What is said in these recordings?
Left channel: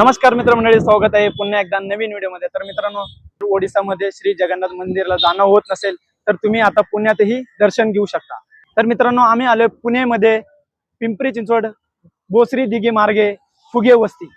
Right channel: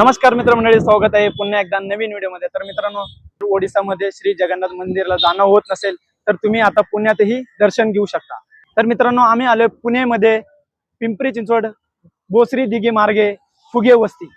नमस्कार मित्रमंडळी, स्वागत आहे पुन्हा एकदा नवीन व्हिडिओमध्ये। तर मित्रांनो, ओडिसामध्ये श्री जगन्नाथ मंदिरला जाणं होत नसेल तर तुम्ही आता पुण्यातही दर्शन घेऊ शकता। तर मित्रांनो, आम्ही आलोय पुणेमध्ये पिंपरी चिंचवड बोसरी दिघी मार्गे फुगे वस्ती।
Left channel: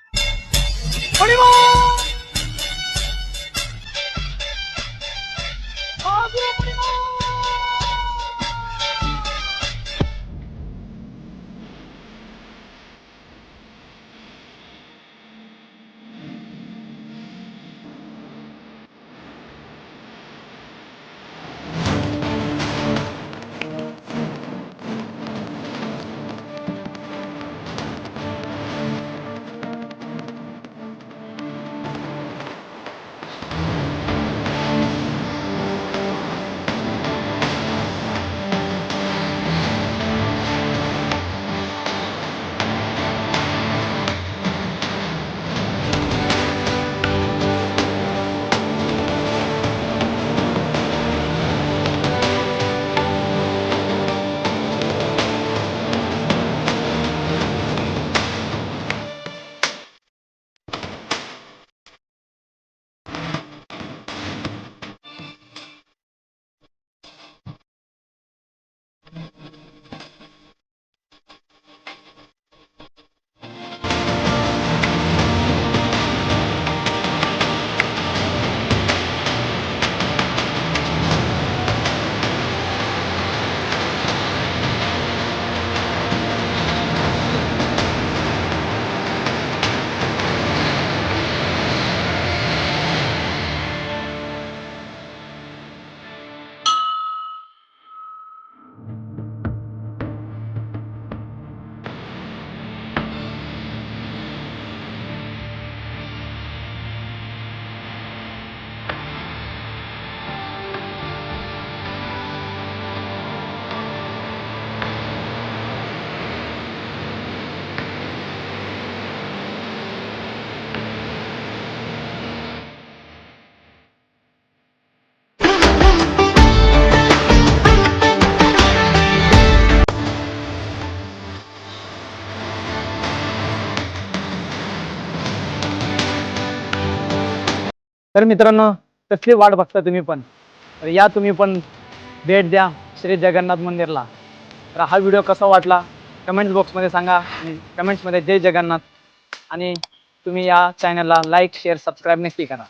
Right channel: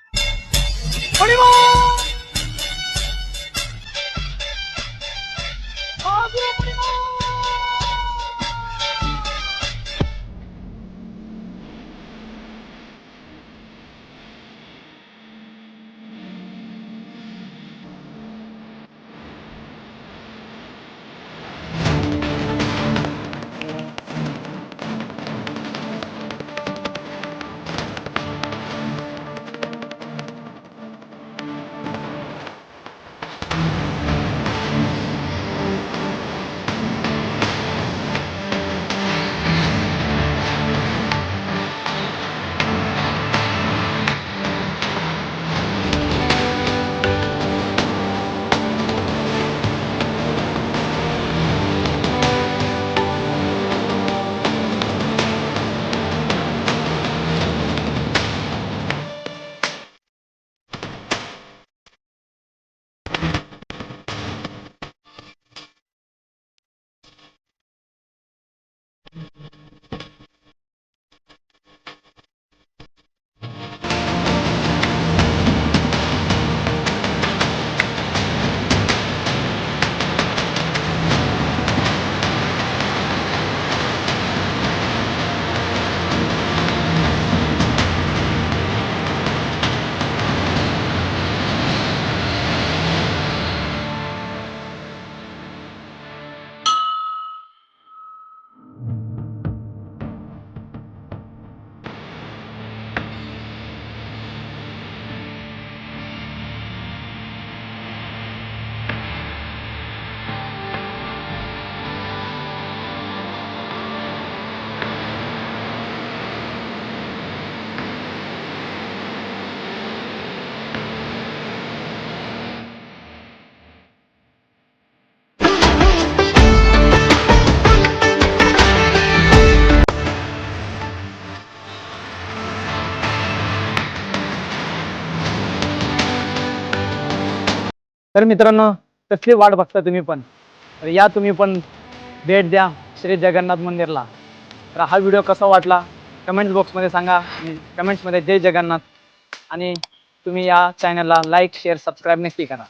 तर मित्रांनो, कसली वाट बघता तुम्ही पण, तर या तुम्ही पण भेट द्या श्री जगन्नाथ मंदिरला। तर हा व्हिडिओ कसा वाटला कमेंट्स बॉक्समध्ये सांगा, आणि कमेंट्समध्ये जय जगन्नाथ, आणि तुम्ही या चॅनलला लाईक शेअर सबस्क्राईब नक्की करा।